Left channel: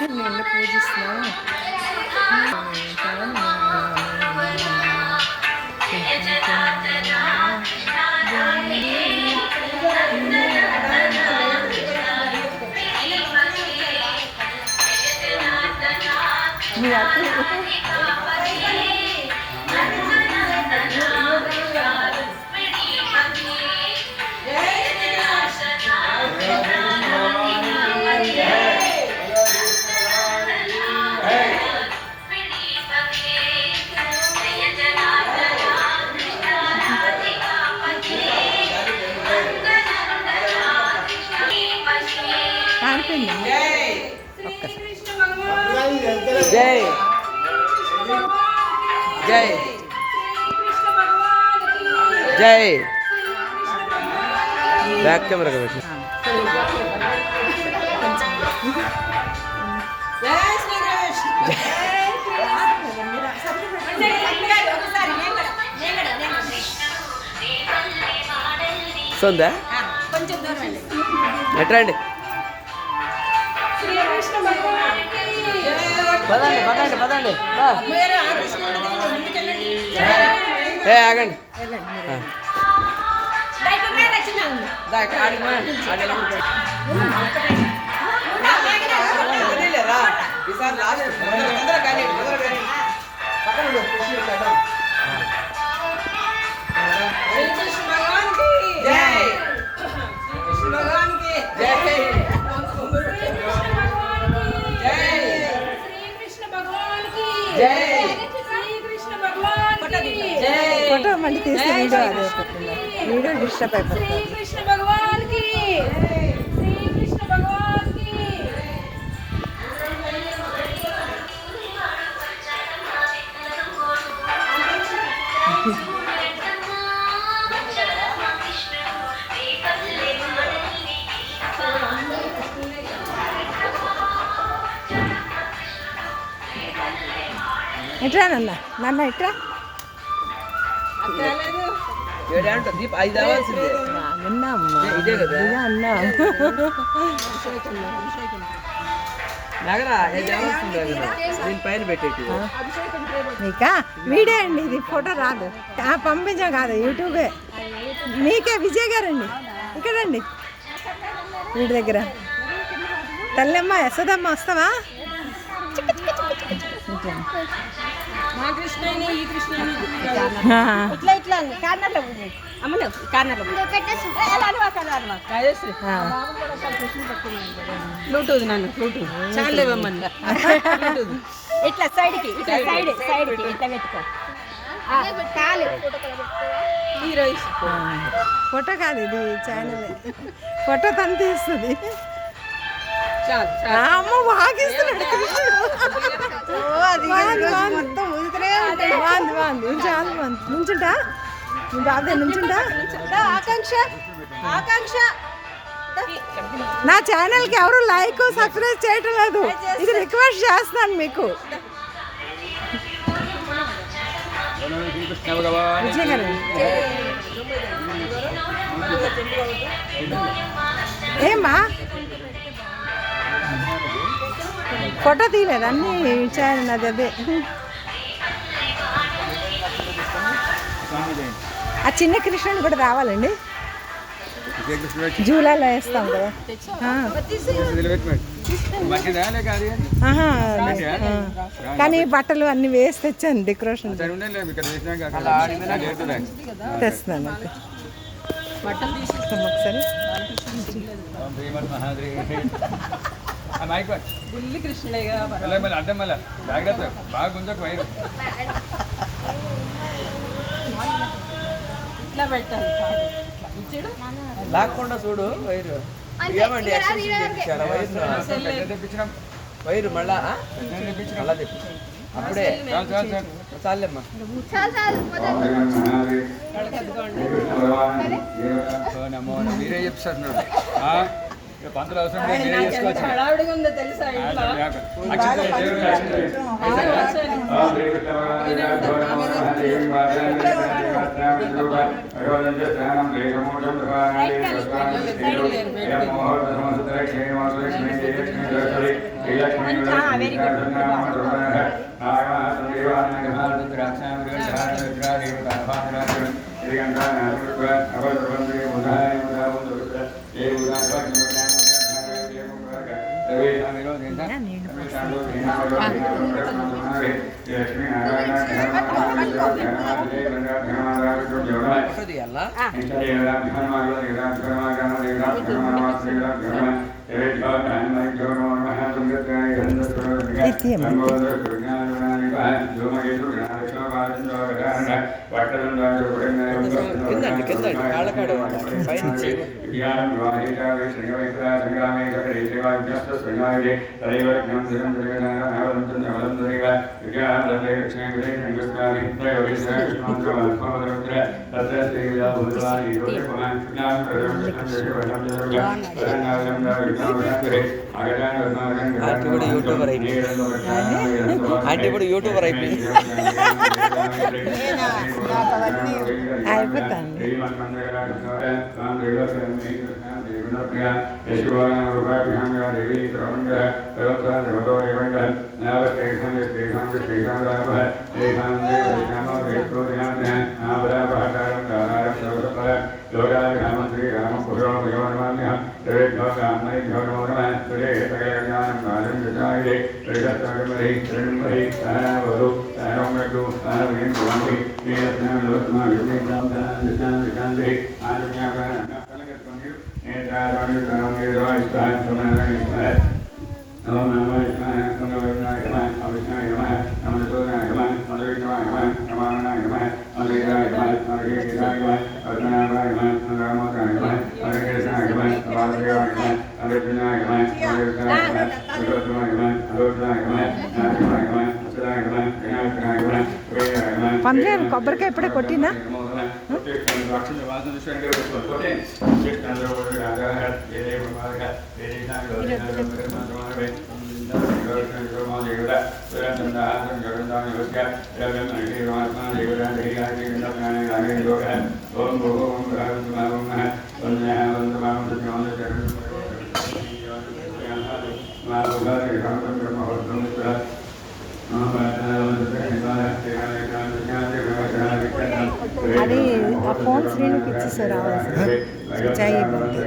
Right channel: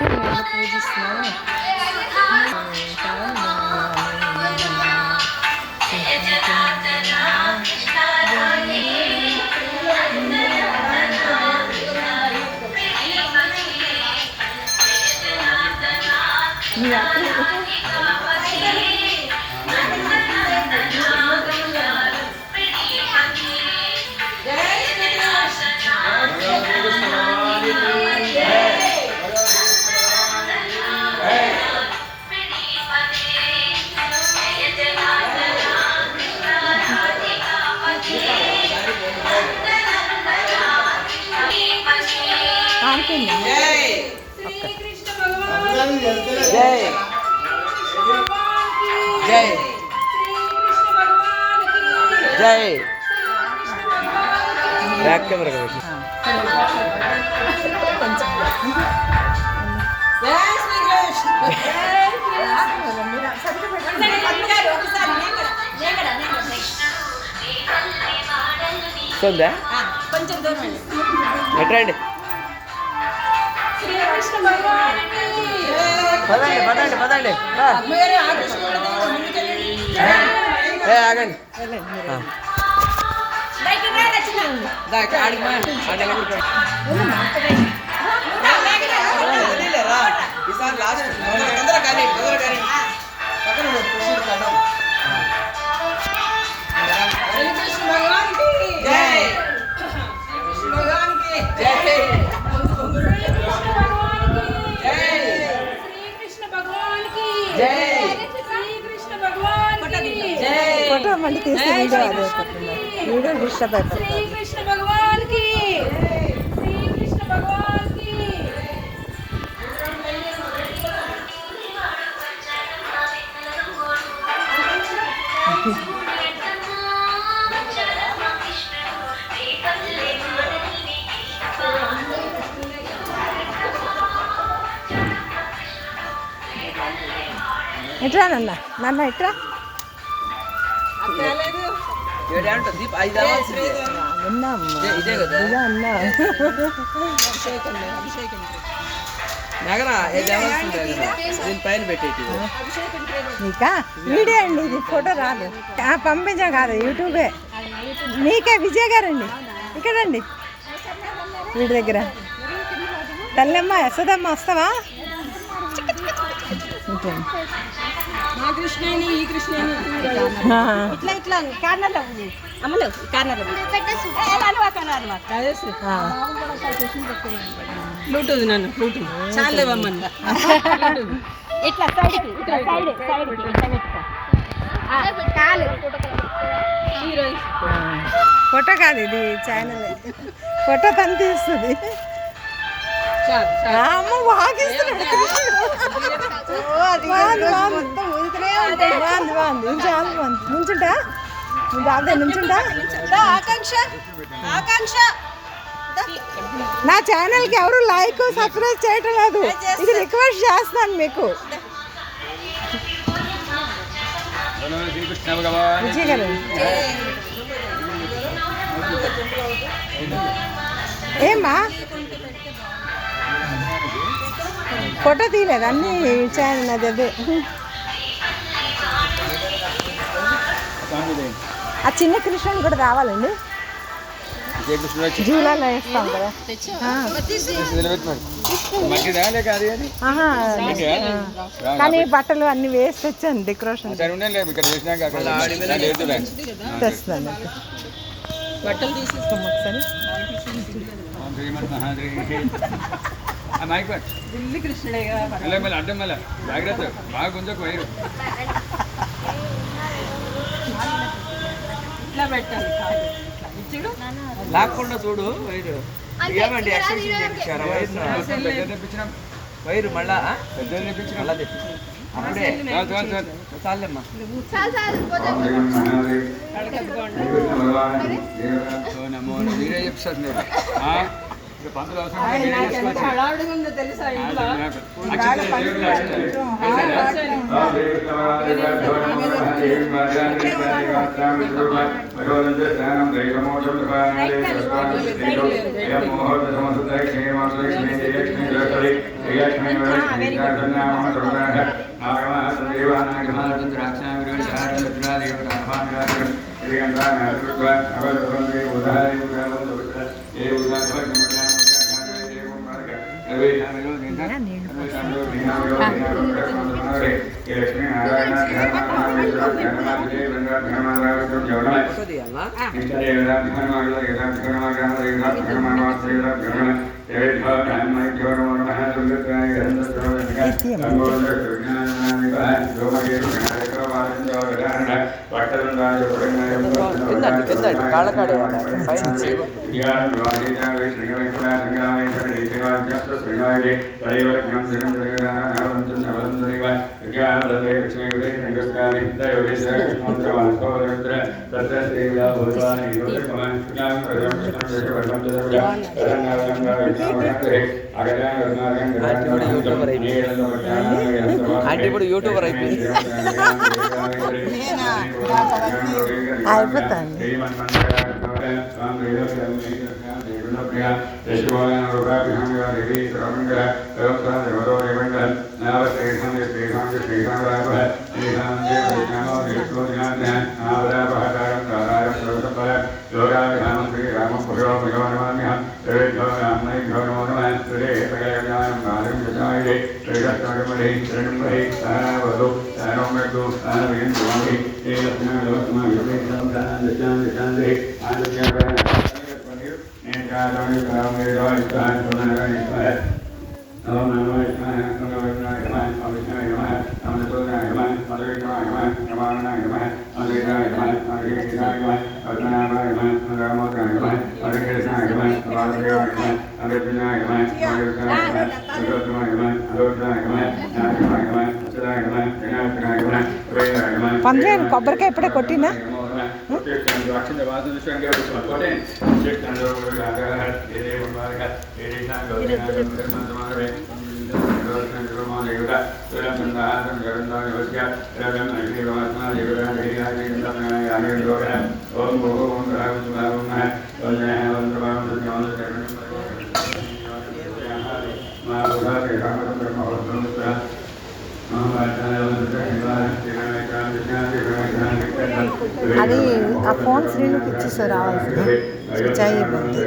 నేను పూజిస్తున్నాను. మీ అక్క ఆడుతుంది. జై జై జై బ్యాక్ కెమెరా కాబట్టి వస్తుందా ఎట్రండి పదండి పదండి పదండి ఆగండి ఫోటో మళ్ళీ తీస్తే వీడియో అదే అయిపోతుంది. వీడియో డిస్టర్బ్ అయిపోతుంది. ఎట్రా నన్న నన్న ఎట్రా పైన పెట్టేది మీకా వీడియో అండి, ఇది ఫోటో రాదు, పంపించాం కాదు, యూట్యూబే. మీకే విజయ్ గారండి ఇక్కడండి, వీడి దగ్గర. తల్లమ్మ యశోదమ్మ వస్తావా? బ్లూటూత్ నన్ను బ్లూటూత్ చాలేవమ్మని ఇట్లా సైడ్కి ఇట్లా సైడ్ సైడ్కి ఇట్లా పెట్టుకో. ఫోటో కాదు, ఇది ఛానల్. ఫోటో పని తీస్తుంది. అమ్మ వాగిస్తున్నాడు కృష్ణుడు. బాగుంది బాగుంది బాగుంది బాగుంది, చాలా బాగుంది. నుంచుంటా బాగా నుంచుంటా. నా ఛానల్కి ఎవరు లైక్ సబ్స్క్రైబ్ చేయటం లేదు, ఇది రిక్వెస్ట్ చేస్తున్నాను మీకు. విజయ్ గారు ఏమ్మా ఫోటో తీయలేదు, అన్నీ ఛానల్ అది అదే. ఆ చిన్న కృష్ణుని కూడా రావాలండి, జూలాలో వేస్తాం కదా. కానీ బట్టలు అన్ని వేసి తెచ్చాను, డెకరేషన్ తెస్తున్నాను. బట్టలు తీసిస్తాం ఒకసారి. అడ్డం మళ్ళీ జాగ్రత్త బాగా గుంజకు వైరు ఇట్లా పెట్టాలి, లాక్కుండా చూడు వైరు. ఏమండి ఎక్స్టెన్షన్ చేయించారా వైరు? వైరు మళ్ళా మళ్ళా తెప్పించాం అప్పుడే చాలేమ్మా. మీరే చెప్తారు పంతులు అవసరం ఆయన లేదు, నాకు ఎంత చేసుకోవచ్చు. హడావిడిగా ఉందో తెలుసా ఇంట్లో అక్షింతలు బాగా దేవుడు పని అక్షింతలు. కొంచెం హాయిగా కిందండి కాళ్ళకాడే పైనుంచి ఆంటీ ఇప్పుడు యూట్యూబర్ అయిపోయింది. అయిపోతాను పంద్రేరు కొబ్బరికాయ ఇప్పుడే కొట్టినా అది ఆ ఫోన్ స్క్రీన్కి ఇచ్చేసారు రావాల్సింది స్విచ్ అయిపోతుంది